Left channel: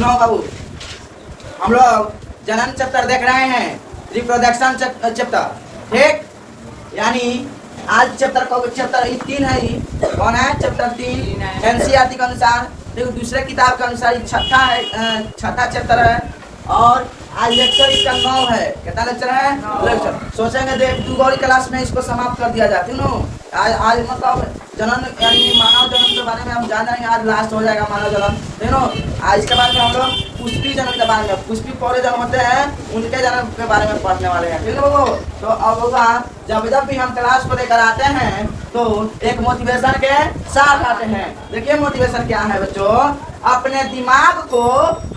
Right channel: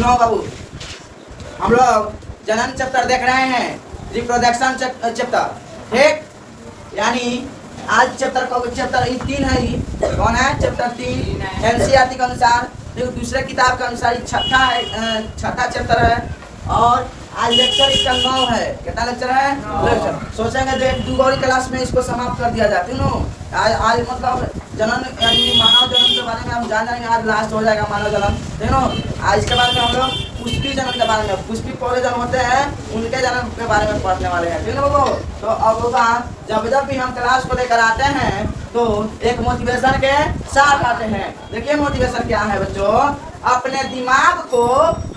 सुनो बाबू, हम लोग जनन चैप्टर देख रहे हैं, रिप्रोडक्शन चैप्टर, ठीक। यानी आज चैप्टर को चैप्टर 3 है, ही कौन है चैप्टर 3 एनसीईआरटी के अनुसार, देखो दूसरे किताब के अनुसार छठा चैप्टर है। और आज लेक्चर इसका 9 है। कितना लेक्चर है? लेक्चर। सोचेंगे देख 2 और क्लास में इसको समाप्त कर दिया जाए, क्यों? आज मतलब जनन यानी मानव जन्म के बारे में हम जान रहे हैं, आज लास्ट हो जाएगा मानव जन्म, ठीक ना। आज के बाद में हम लोग पुष्पी जन्म के बारे में, पुष्पी पौधे जन्म होते हैं उनके जन्म के बारे में पढ़ने वाले हैं, ठीक है वो। तो अब होगा जब भी हम क्लास को लेकर आते हैं तो एक मोटिवेशन के साथ आते हैं। देखिए मोटिवेशन क्या है बच्चों, अपने दिमाग को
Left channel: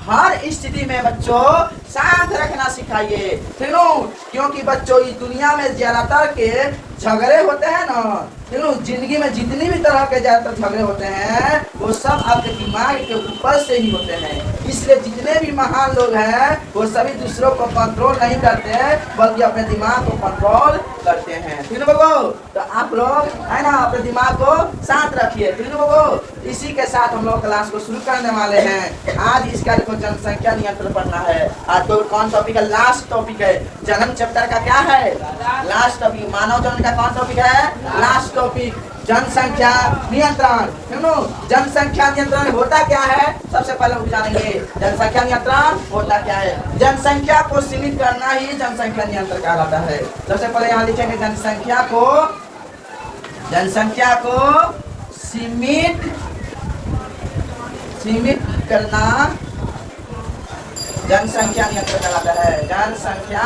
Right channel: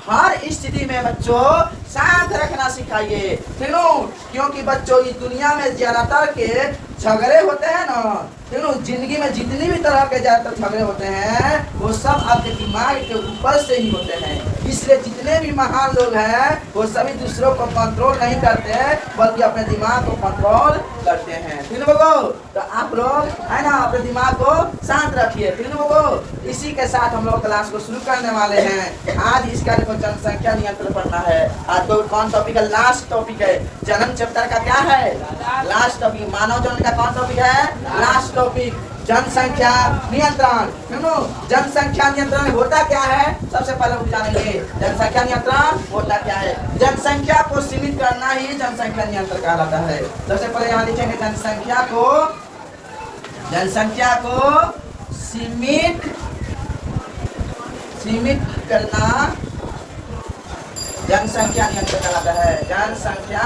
हर स्थिति में बच्चों शांत रखना सिखाइए, क्योंकि बच्चों इस दुनिया में ज्यादातर के झगड़े होते हैं ना, जिंदगी में जितनी भी तरह के ज्यादातर झगड़े होते हैं वो सब आपके दिमाग के ऊपर से ही होते हैं। इसलिए जितने भी महान लोग हैं वो सभी दूसरों को कंट्रोल नहीं करते बल्कि अपने दिमाग को कंट्रोल करते हैं, ठीक है बाबू। तो आप लोग है ना अपने दिमाग को शांत रखिए, ठीक है बाबू। इसी के साथ हम लोग क्लास को शुरू करने वाले हैं। आज इसका देखो जनसंख्या नियंत्रण पढ़ना है। आज तो कौन टॉपिक है? लास्ट टॉपिक है। जन्म चैप्टर का क्या है? Last topic. मानव जन्म का कौन टॉपिक है? लास्ट टॉपिक, जनसंख्या नियंत्रण। जनसंख्या नियंत्रण होता क्या है? सबसे पहले हम जानेंगे जनसंख्या नियंत्रण होता क्या है। जनसंख्या को सीमित करना ही जनसंख्या नियंत्रण कहलाता है। सबसे पहले यहाँ लिखेंगे जनसंख्या को सीमित करना जनसंख्या नियंत्रण कहलाता है। जनसंख्या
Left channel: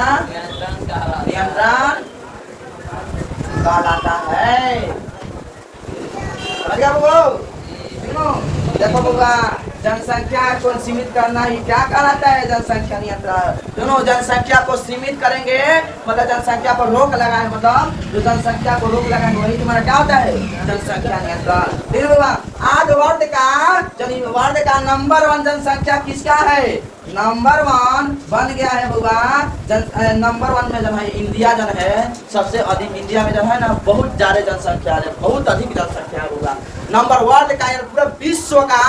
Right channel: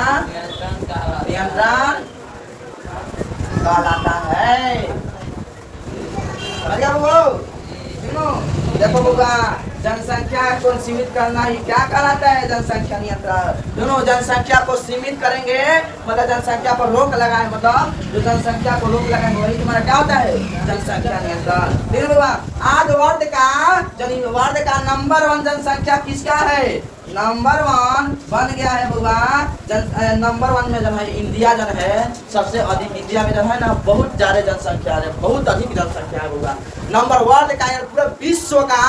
नियंत्रण कहलाता है। देखो बाबा, जनसंख्या को सीमित करना ही क्या कहलाता है? जनसंख्या नियंत्रण। दोनों जनसंख्या को सीमित करेंगे मतलब जनसंख्या पर रोक लगाए, मतलब जो जनसंख्या को रोक लगाए वही तुम्हारा क्या होता है? जनसंख्या नियंत्रण। फिर बाबा आज वर्ल्ड का नंबर 1 जनसंख्या किसका है? नंबर 1 बन गया है बाबा। नंबर 1 में जो है इंडिया जो है सबसे अधिक, इंडिया में जो है ना बहुत ज्यादा जनसंख्या है, बहुत अधिक जनसंख्या है बाबा। नंबर वर्ल्ड का पूरे विश्व का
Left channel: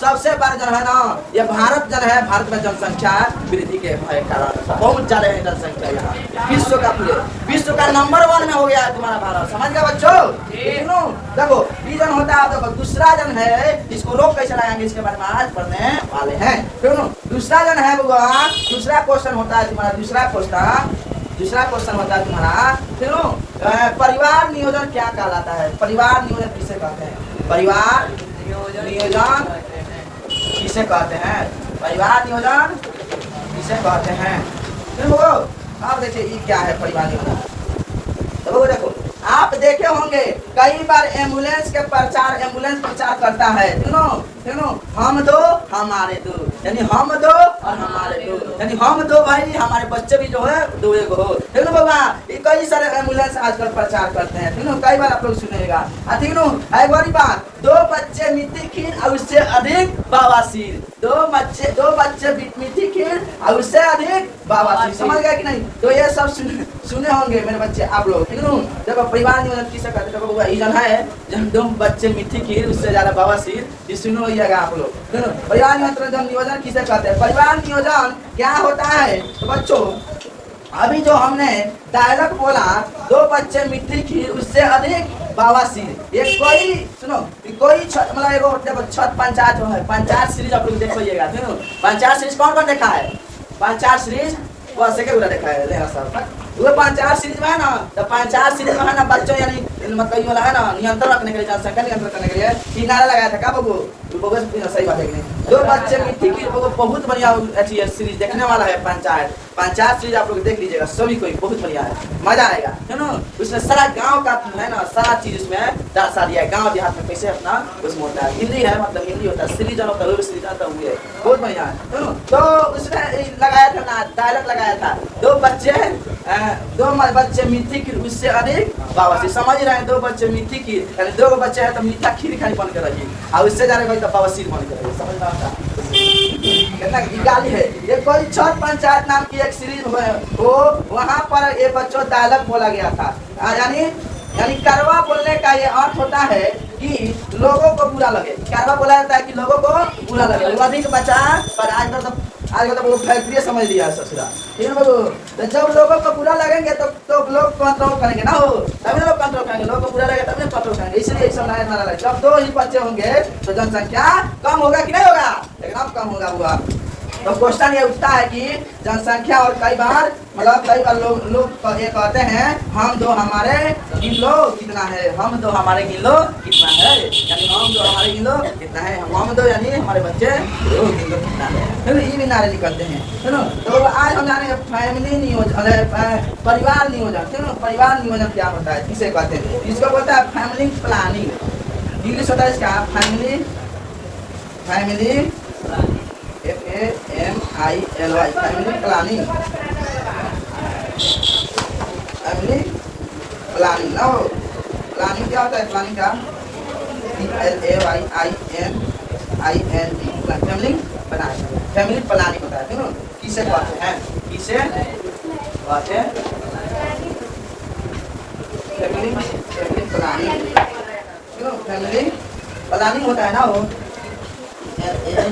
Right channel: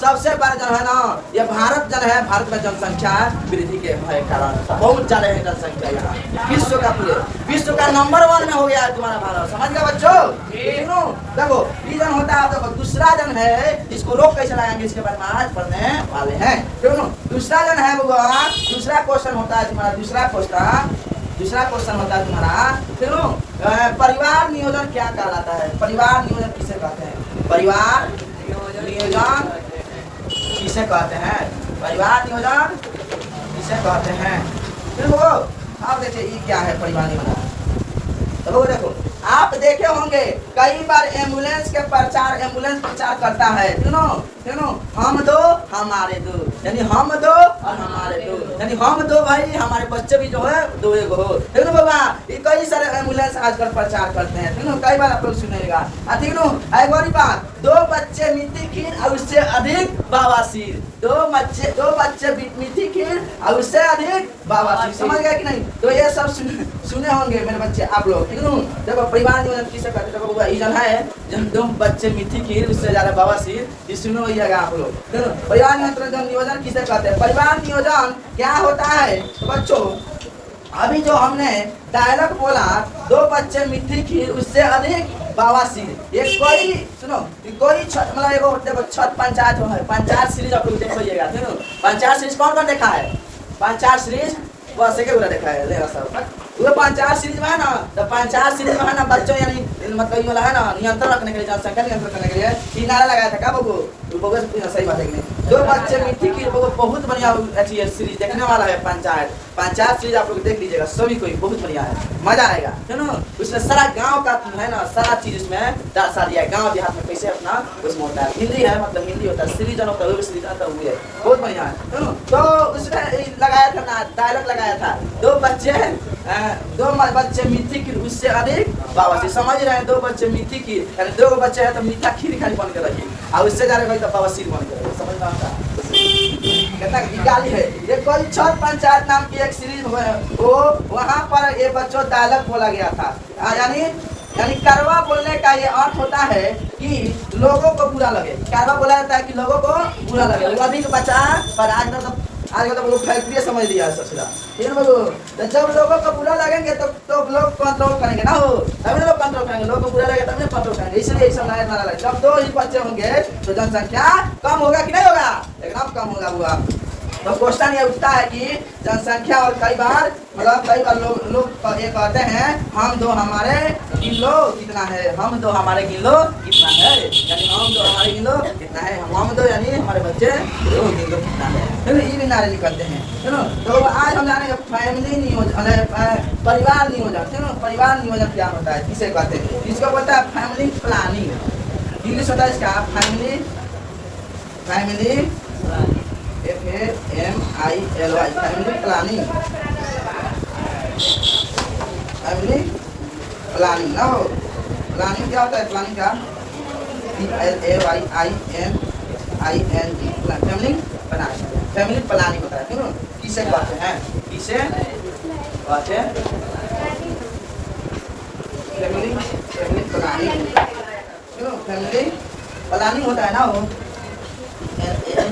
सबसे बड़ा जो है ना ये भारत जो है, भारत में जनसंख्या वृद्धि के कारण बहुत ज्यादा है जनसंख्या यहाँ विश्व का, पूरे विश्व का नंबर 1 में हो गया है तुम्हारा भारत। समझ गया बच्चों? देखो ये जन होता है, देखो दूसरा जन है, इसको रोक कैसे लगाएंगे इसके बारे में आज पढ़ने वाले हैं, क्यों? दूसरा जन है बाबा, दूसरा क्वेश्चन होता है तुम्हारा, दूसरा क्वेश्चन होता है तुम्हारा, क्यों? परिवार नियोजन क्या कहलाता है? परिवार नियोजन किसे कहते हैं? परिवार नियोजन किसे कहते हैं? परिवार नियोजन किसे कहते हैं? फिर वो आप देखिए ये क्या है परिवार नियोजन। तो देखो आप देखे होंगे कई बार एम्बुलेंस प्रचार करता है, क्यों? हम दो हमारे दो, यानी हम दो और हमारे दो, यानी हम दो भाई हमारे बच्चे भी जो है 2 एक हो, ठीक है बाबा। ये कई सारे एम्बुलेंस आजकल प्रचार करते हैं, कई बार आप लोग सुनेगा, ठीक है। एक और बात, 2 बच्चे मिट्टी खीर और उससे अधिक बवासीर, 2 बच्चे मिट्टी खीर और उससे अधिक बवासीर। समझ गए कि नहीं? तो ये सब सुने होंगे मेरे बच्चे आप लोग, ठीक है। जब परिवार नियोजन किसे कहते हैं? जब 2 बच्चे मिट्टी खीर उससे ज्यादा बवासीर, ये सुनो आप लोग। परिवार नियोजन किसे कहते हैं? परिवार नियोजन क्या होता है तो बच्चों, अभी जो हमने डायलॉग बोला 2 बच्चे मिट्टी खीर उससे अधिक बवासीर, ये कोई सुनो कोई मतलब एगो छठ पंचायत है, पंचायत सीरीज आप लोग देखिएगा, पंचायत सीरीज कौन देखा है? पंचायत सीरीज बस एक देखा है सर, वो पंचायत सीरीज में है ना, तो पंचायत सीरीज में है ना बच्चों यानी मतलब ये है ना नियंत्रण रखने के लिए, जनसंख्या नियंत्रण करने के लिए ये नारा लगाया था क्या बाबू? सही बात है कि नहीं? 2 बच्चे मिट्टी की बहुत बढ़िया अच्छी सीरीज देखने वाला है। पंचायत सीरीज आप लोग देख लीजिएगा, सभी कोई बहुत बढ़िया है, मजा आएगा, है ना। उसमें सारा गाँव का है ना सारा चीज इसमें दर्शा दिया है, गाँव देहात में कैसे अपना उसमें होता है। हिंदी है मतलब हिंदी होता है, सीरीज होता है, सीरीज आता है, बहुत बढ़िया है ना। तो उसमें लगाया था ना डायलॉग लगाया था 2 बच्चे मिट्टी की उससे अधिक बवासीर। समझ रहे हैं? 2 बच्चे मिट्टी की यानी 2 बच्चे हैं तो मीठा खीर खाली बन के रखिए और उससे ज्यादा कोई तो बवासीर बन के रखिए। समझ में आता कितना गाली है? ये कोई छठ पंचायत नाम की एक सीरीज है, वो वहाँ पर ये बच्चों डायलॉग बोला गया था, यानी कड़वा बोलने का ये अर्थ होता है कि लोगों को बुरा लगे। क्या बोला जाता है कि लोगों को बुरा लगे, वो अधिक बचा। पर आज तो लोग फैक्ट्री समझ लिया है सबसे ज्यादा, ठीक है बाबू। तो जब लोगों को बुरा लगेंगे तो लोग कंट्रोल करेंगे ना, हो तभी लोग कंट्रोल करेंगे। लोगों को बुरा लगे तभी कंट्रोल करेंगे। इसलिए एक समय नारा लगे, जब 2 ही बच्चे होंगे तो जनसंख्या कम होगा कि नहीं होगा? एकदम कम होगा हुआ। तो क्वेश्चन ये उठता है कि जनसंख्या, और कई बार लोग ये कहते हैं हम दो हमारे गिन लो कितना है, हम दो हमारे गिन लो कितना है, यानी हम दो हमारे गिन लो कितना है, हम दो यानी हमारे बच्चे दो गिन लो कितना है। चलो ये भी नारे निकलते हैं। चलो तो आज हम जाने फैमिली नियोजन, परिवार नियोजन। चलो परिवार नियोजन क्या होता है, किसे कहते हैं? इसको बोलता है फैमिली प्लानिंग। इंग्लिश होता है इसका family FAMILY, family planning. Family planning ना हो, प्लानिंग क्या होता है? प्लानिंग क्या? PLAYING, family planning. Family planning होता है, ठीक है। किसे कहते हैं? किसे कहते हैं? Family planning. फैमिली प्लानिंग होता है ना वो, ठीक है।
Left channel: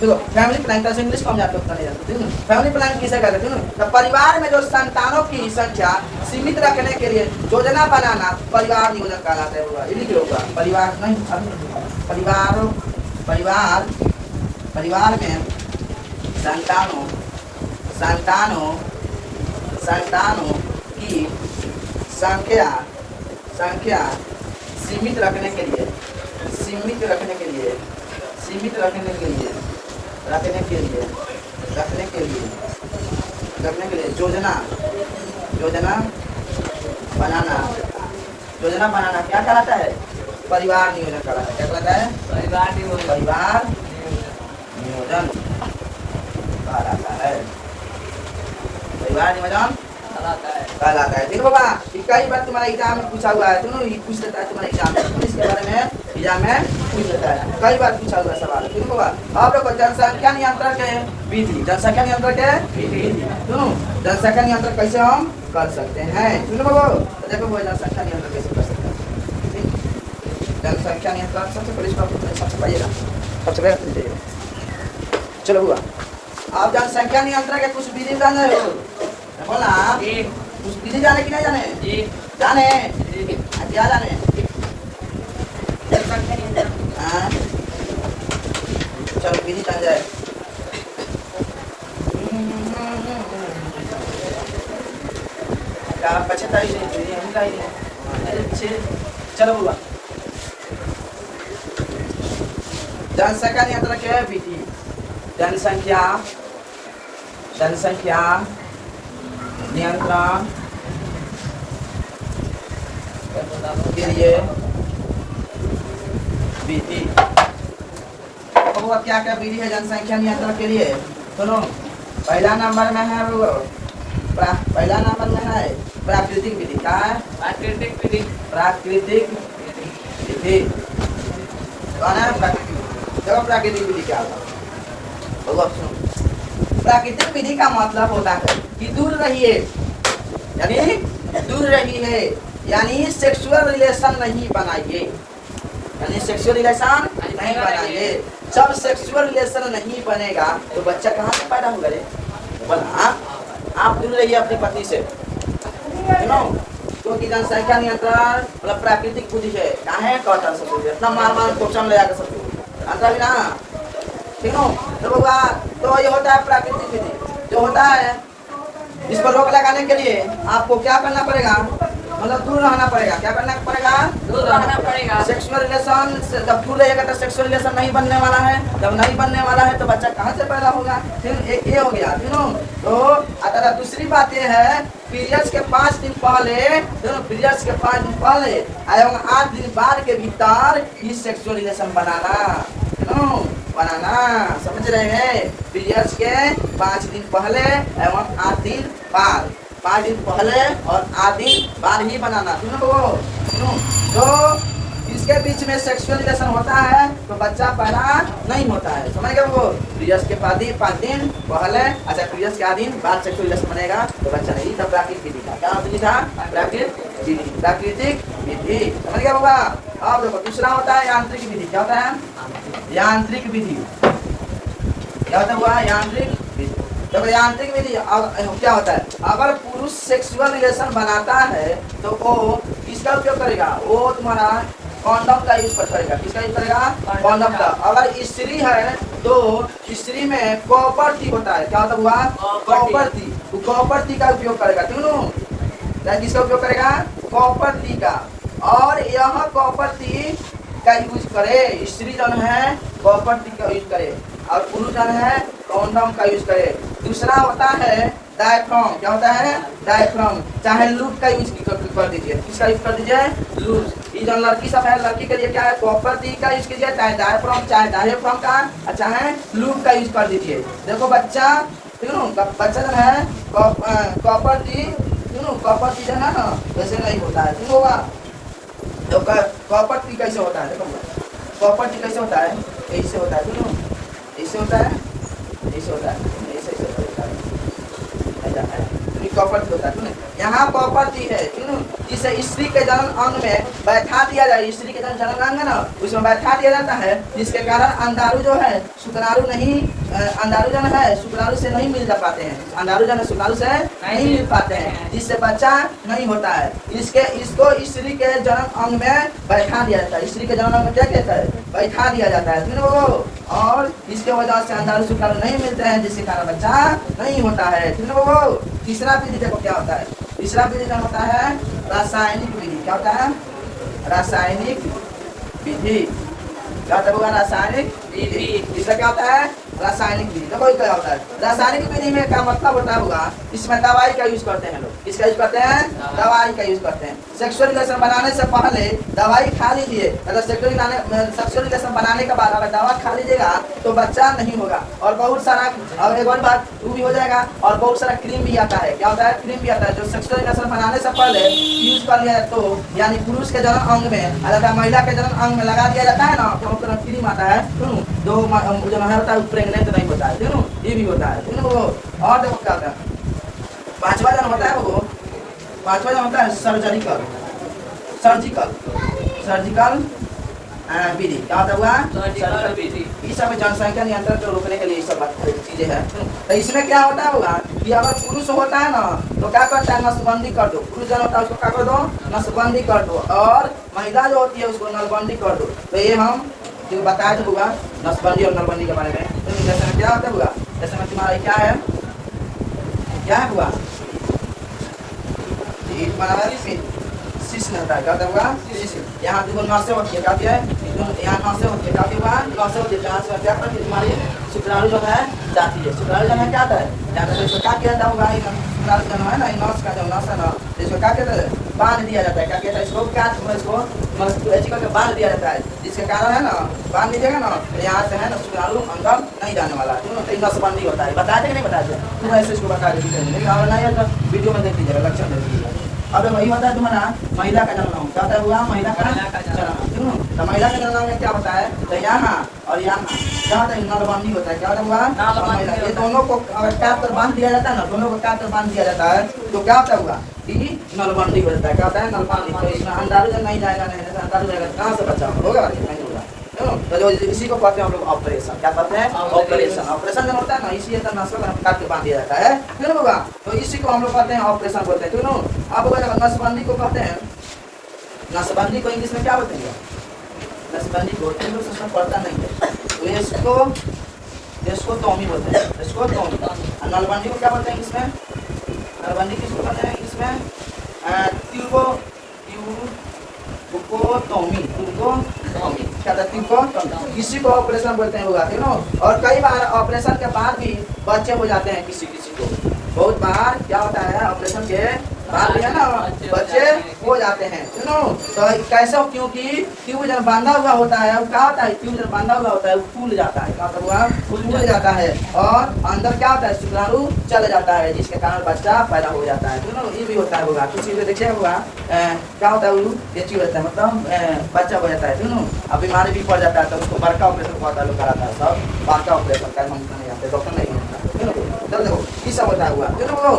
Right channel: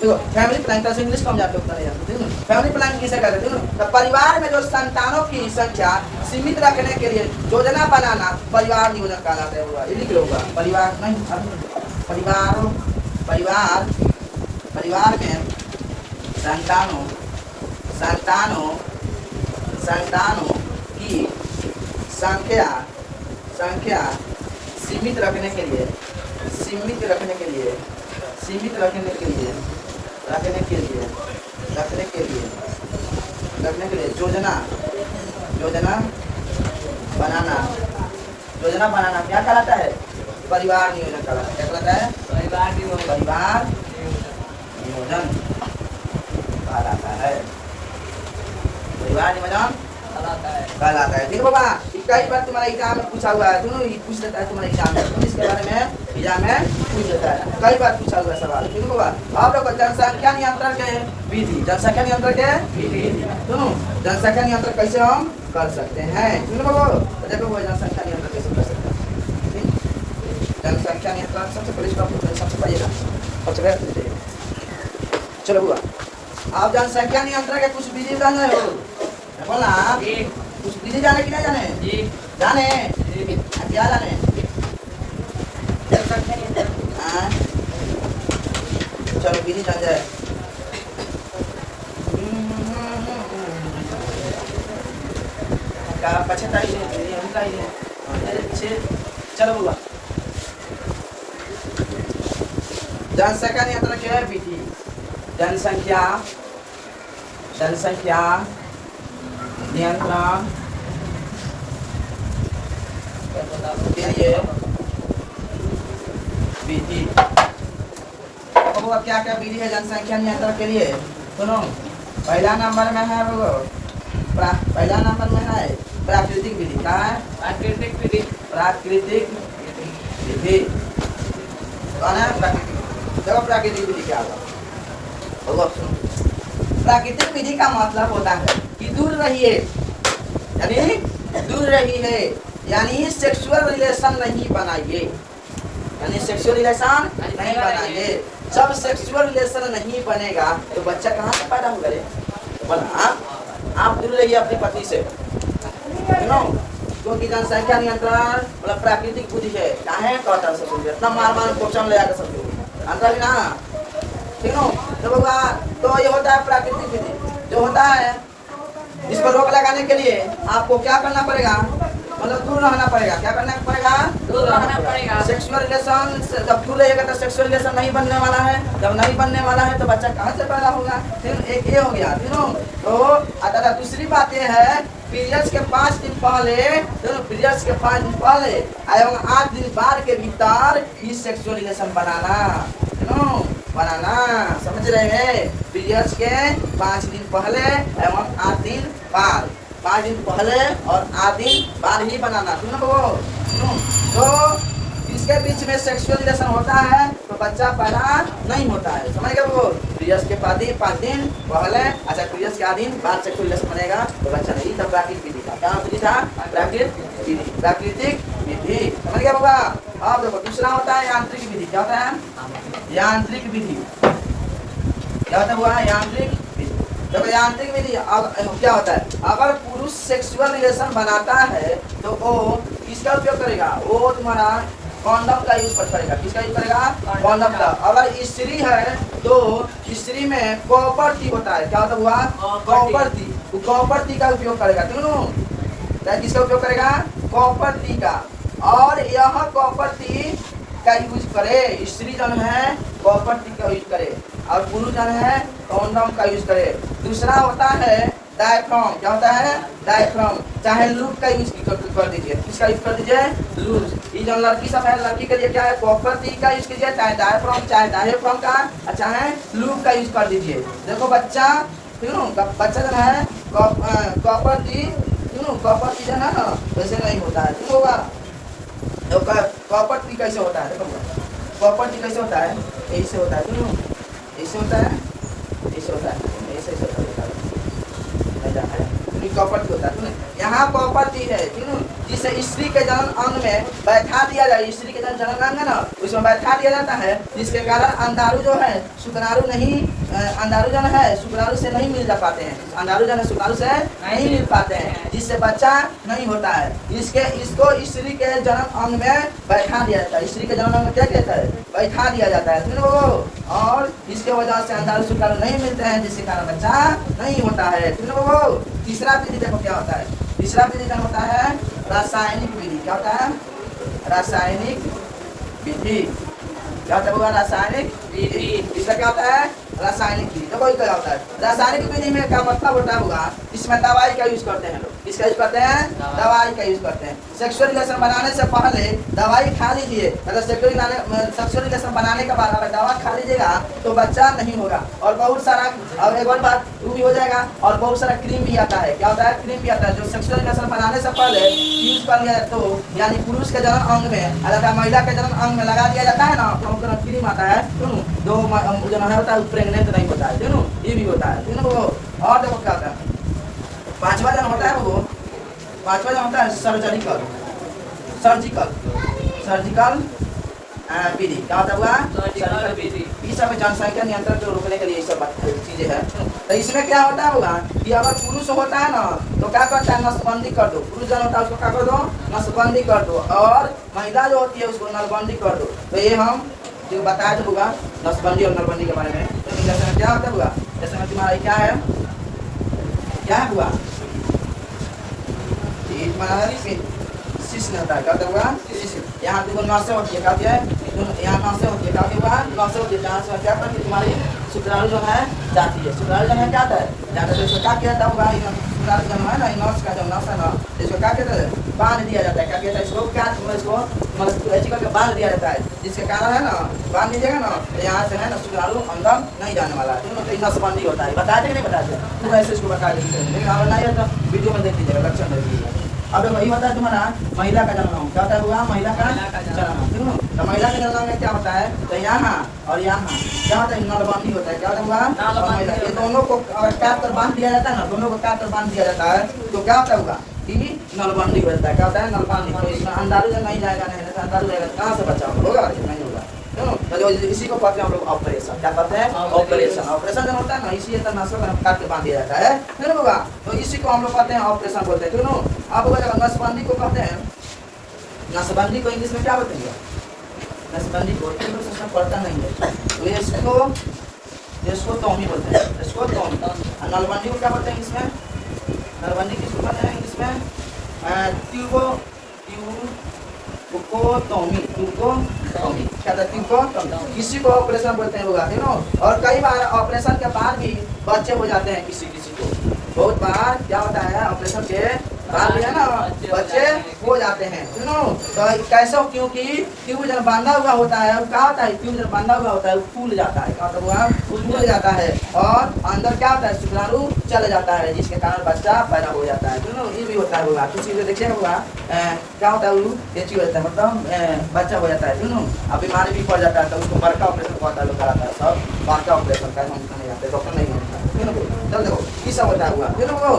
देखो फैमिली प्लानिंग से इंग्लिश कम जाते उतना नहीं जाते, ठीक है। फैमिली प्लानिंग किसे कहते हैं? तो परिवार में जो संतानों की संख्या सीमित रखने के लिए योजना बनाना परिवार नियोजन कहलाता है। ये लिख लो, परिवार नहीं, परिवार में संतानों की संख्या सीमित रखने के लिए योजना बनाना क्या कहलाता है? परिवार नियोजन कहलाता है। क्या कहलाता है? परिवार नियोजन कहलाता है। परिवार नियोजन कहलाता है। फिर बाबा कई बार तुम्हारा एग्जाम में पूछा हुआ है, दोनों ही पूछ लेता है तुम्हारे एग्जाम में, इसके बारे में एग्जाम में पूछ लेता है, कई बार पूछा हुआ सवाल। फिर बाबा आप लोग जनसंख्या नियंत्रण के विधि, जनसंख्या नियंत्रण के विधि, सुनो जनसंख्या नियंत्रण कैसे हम कर सकते हैं? सुनो बाबा, तो देखो वो जनसंख्या नियंत्रण कैसे कर सकते हैं। जनसंख्या नियंत्रण सबसे पहले सबसे पढ़िएगा, सबसे पहले चलो बाबा आप जनसंख्या नियंत्रण के कुछ विधि जाने हो, बोला कुछ विधि जाने की नहीं जाने? जाने क्या जाने? चलो विधि जान जाए। क्या 75 चलो हुआ जनसंख्या नियंत्रण क्या है विधि? जनसंख्या नियंत्रण के लिए विधि। वो क्या क्या विधि है जनसंख्या नियंत्रण के लिए? सुनो पहला नंबर में है वो, पहला नंबर में है प्राकृतिक विधि। क्या है? प्राकृतिक विधि। चलो प्राकृतिक विधि क्या होगा? प्राकृतिक विधि का मतलब होता है कि दूर रहिए, यानी सेक्सुअल रिलेशन नहीं बनाइए, जब सेक्सुअल रिलेशन नहीं बनेगा तो बच्चा कहाँ से पैदा होगा? बोला आप दूर रहिए अपनी पत्नी से, क्योंकि जनसंख्या नियंत्रण मतलब प्राकृतिक विधि है। क्या है? कॉटन से इतना मार कोचम ले जाकर सब अंतर भी ना, ठीक है। तो ये होता है प्राकृतिक विधि। जो होता है इस पर रोक लगाने के लिए आपको क्या करना पड़ेगा? मतलब दूर रहना पड़ेगा। क्या करना पड़ेगा? दूर रहना पड़ेगा। सेक्सुअल रिलेशन जब दूर रहेगा तो सेक्सुअल रिलेशन नहीं बनने वाला है, जब नहीं बनने वाला है तो बच्चा कहाँ से पैदा होगा? फिर एक ये हो गया, तो अगर दूसरी बात ये है पीरियड्स के 5 दिन पहले, पीरियड्स के 5 दिन पहले एवं 8 दिन बाद के भीतर ही सेक्सुअल रिलेशन बनाना, समझ रहे हैं? पीरियड्स के 5 दिन पहले एवं 8 दिन बाद, 5 दिन पहले और 8 दिन बाद ही बनाना, तो इस इसके बीच में सेक्सुअल रिलेशन होता है तो बच्चा पैदा नहीं होता है। समझ गए वो? पीरियड्स के 5 दिन पहले, अच्छा पीरियड्स के 8 दिन बाद सेक्सुअल रिलेशन बनेगा तो बच्चा नहीं। तब प्राकृतिक विधि था, क्या विधि था? प्राकृतिक विधि। समझ गया होगा? अब देखो दूसरा होता है यांत्रिक विधि। क्या होता है? यांत्रिक विधि। क्या होता हुआ? यांत्रिक विधि। देखो यांत्रिक विधि क्या होता है? अगर पुरुष सेक्सुअल रिलेशन बनाता है तो वो किसका उपयोग करेगा? वो तुम्हारा कॉन्डम का यूज करेगा। किसका यूज करेगा? कॉन्डम का। अगर स्त्री है तो स्त्री में कॉपर टी होता है। क्या होता हुआ? Copper T. तो कॉपर टी का उपयोग करेगा। क्यों? किसका उपयोग करेगा? कॉपर टी का। और यह कॉपर टी का यूज करे, स्त्री जन है कॉपर टी का यूज करे और पुरुष जन है कॉन्डम का यूज करे। दूसरा होता है डायफ्राम। क्या होता है? डायफ्राम। चाहे लूप का यूज कर दीजिए। किसका यूज कर दीजिए? लूप। ये जो लड़की सब है, लड़की के लिए क्या है? कॉपर टी का यूज कीजिए, चाहे डायफ्राम चाहे डायफ्राम का, चाहे लूप का यूज कर दीजिए। देखो बच्चा, बच्चा जो है कॉपर टी, कॉपर टी जो है ना वैसे नहीं होता है। ठीक होगा? तो कॉपर टी कैसे होता है? देखो कॉपर टी कैसे होता है? ऐसे होता है। ऐसे होता है, ऐसे होता है, ऐसे होता है। कॉपर टी होता है। यहाँ कॉपर टी है जिसे स्त्री के जन्म अंग में बैठा दिया जाए। स्त्री के जन्म अंग है ना, उसमें बैठा दिया जाता है, जिसके कारण अंडाणु जो है शुक्राणु नहीं, अंडाणु जन है शुक्राणु से नहीं मिल जा पाते हैं। अंडाणु जन शुक्राणु से नहीं मिल पाते हैं, जिससे बच्चा नहीं होता है। इसको स्त्री के जन्म अंग में बैठा दिया जाता है। स्त्री के जन्म अंग में क्या कहता है? बैठा दिया जाता है। और इसके वजह से अंडाणु शुक्राणु नहीं मिलते हैं, जिसके कारण बच्चा नहीं होता है। तीसरा विधि देखो क्या होता है? तीसरा विधि क्या होता है? रासायनिक विधि। क्या होता है? रासायनिक विधि। क्या होगा? रासायनिक विधि। इसका क्या होता है? रासायनिक विधि। देखो क्या होता है? रासायनिक विधि में क्या मतलब होता होगा? इसमें दवाई का यूज करते हैं लोग। किसका यूज करते हैं? दवाई का यूज करते हैं। सेक्सुअल रिलेशन बनाने से पहले दवाई खा लीजिए। अगर सेक्सुअल रिलेशन बनाने के बाद अगर दवा खा लीजिएगा तो बच्चा नहीं होगा। और बहुत सारा, और एक और बात वो भी हो जाएगा। और बहुत सारा क्रीम भी आता है। क्या होता है? क्रीम भी आता है जो सेक्सुअल रिलेशन बनाने से पहले यूज कर लिया तो, यानी पुरुष के जन्म अंग में अगर महिला के जन्म अंग में लगा दिया जाता है ना तो क्रीम आता है। दो जो है होता है प्रेग्नेंट नहीं होता है। ये भी होता है। और देखो क्या होता है? पांचवा जन होता है वो, पांचवा जन होता है सर्जिकल विधि। क्या होता हुआ? सर्जिकल विधि। ये सब जनसंख्या नियंत्रण को रोकने के लिए ये सब चीजें हैं। तो इसमें क्या होता होगा कि अगर पुरुष होता है ना तो क्या करता है? नसबंदी कर दो। पुरुष जन होता है उसको क्या कर दो? नसबंदी कर दो। और महिला जो होती है उसको नलबंदी कर दो। तो ये हम जो बताया तो होगा नसबंदी और नलबंदी के बारे में। तो जैसे में क्या होता होगा? जैसे में तुम्हारा क्या है? क्या हुआ? रहता है। क्या होगा? यहाँ देखो नसे होती है। क्या है? यहाँ नसे होती है। क्या होगा? नसे होती है। जहाँ से क्या करती है? तुम्हारी शुक्राणु जो है जाती है। शुक्राणु जो है क्या होता है? जाकर इसको क्या किया जाता होगा? शुक्राणु जब है ना नस का जो नस है ना इसको क्या कहते हैं? बांध दिया जाता है। क्या कहता है? इसको क्या इसको बांध दिया जाता है, जिसके कारण है ना बांध दीजिएगा ना तो यहाँ से है ना शुक्राणु अंदर नहीं जाने वाला। नसबंदी होता है। बता दें नहीं बता दें? तुम ऐसे इसको बता दीजिए। वीडियो में देख लीजिएगा, लक्षण देख लीजिएगा। अब वही होता है तुम्हारा महिला का जन्म। क्या होता हुआ? महिला का जन्म। तो महिला के जन्म में क्या होता है? तो यहाँ और यहाँ क्या होता है? नलबंदी होता है। क्या हुआ? महिला, ये दोनों को अगर काट कर बांध दिया जाता है ना, दोनों को काट कर बांध दिया जाता है तो क्या होता हुआ? कि नलबंदी होता है। क्या होता है? नलबंदी। तो इसमें अंडाणु जब नहीं जाएगा, नहीं अंडाणु जाएगा कहाँ से बच्चा होगा? नहीं होगा। तो जो इसी को कहते हैं हम लोग ऑपरेशन। क्या कहते हैं? ऑपरेशन। ऑपरेशन जब होता है ना इसी तरह नसों का काट के बांध दिया जाता है। फिर होगा तो इसी को हम लोग कहते हैं ऑपरेशन बोलते हैं। क्यों? अब अगर नसबंदी को कहते हैं, नसबंदी को इंग्लिश में क्या बोलते हैं? नसबंदी को उसमें पढ़ता नहीं है तो इसको टॉमी बोलते हैं। इसको टॉमी। नलबंदी को क्या बोलते हैं इसमें? नलबंदी किसको कहते हैं इसमें? किसी को ऑपरेशन बोलते हैं लोग। और कई बार ऑपरेशन के बाद भी बच्चे हो जाते हैं किसी को। बहुत बार क्या होता है? ऑपरेशन के बात भी है ना, बच्चे हो जाते हैं, सुनो। तो कैसे हो, क्योंकि ट्यूब जब बांधा हुआ होता है वो क्या होता है, ट्यूब जब बांधा हुआ होता है वो फूल जाता है, क्या होता है वो फूल जाता है और अंदर क्या होता है शुक्राणु चल जाता है, जिसके कारण बच्चा पैदा हो जाता है, सुनो। ये भी होता है हुआ, किसी को देखिए हुआ क्या होता है वो ये चीज होता है, मतलब बच्चा हो जाता है, सुनो। अब बीमारी भी पड़ जाता है तो उसको बड़का ऑपरेशन होता है, लोग कराता है सब बड़का ऑपरेशन का, हम नहीं आते, डॉक्टर नहीं होता, देखो ये सब होता हुआ, सुनो।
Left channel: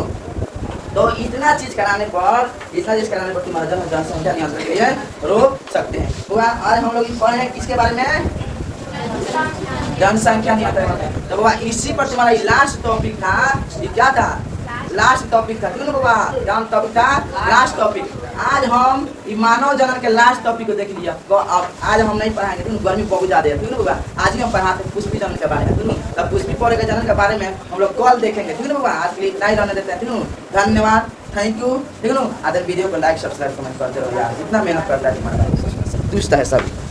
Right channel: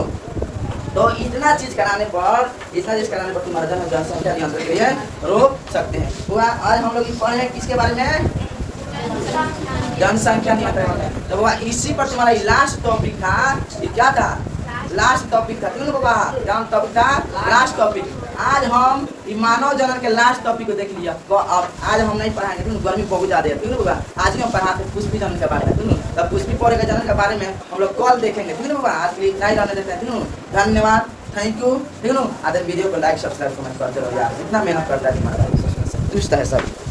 तो इतना चीज कराने पर तुम्हारा जनसंख्या नियंत्रण के लिए रोक सकते हैं। तो आज हम लोग पढ़े हैं किसके बारे में, जनसंख्या नियंत्रण। तो बाबा इसी पर तुम्हारा लास्ट टॉपिक था, ये क्या था, लास्ट टॉपिक था, क्यों बाबा क्या टॉपिक था, लास्ट टॉपिक। आज हम मानव जनन के लास्ट टॉपिक को देख लिया। अब आज हम नहीं पढ़ाएंगे, क्यों गर्मी बहुत ज्यादा है, क्यों बाबा आज ही हम पढ़ाते पुष्पी जनन के बारे में, क्यों तब पुष्पी पौधे के जनन के बारे में हम लोग कल देखेंगे, क्यों बाबा आज के लिए इतना ही रहने देते हैं, क्यों। धन्यवाद, थैंक यू, ठीक है। आधे वीडियो को लाइक सब्सक्राइब कमेंट करते रहो यार, इतना मेहनत करता है तुम्हारा भाई, है सब।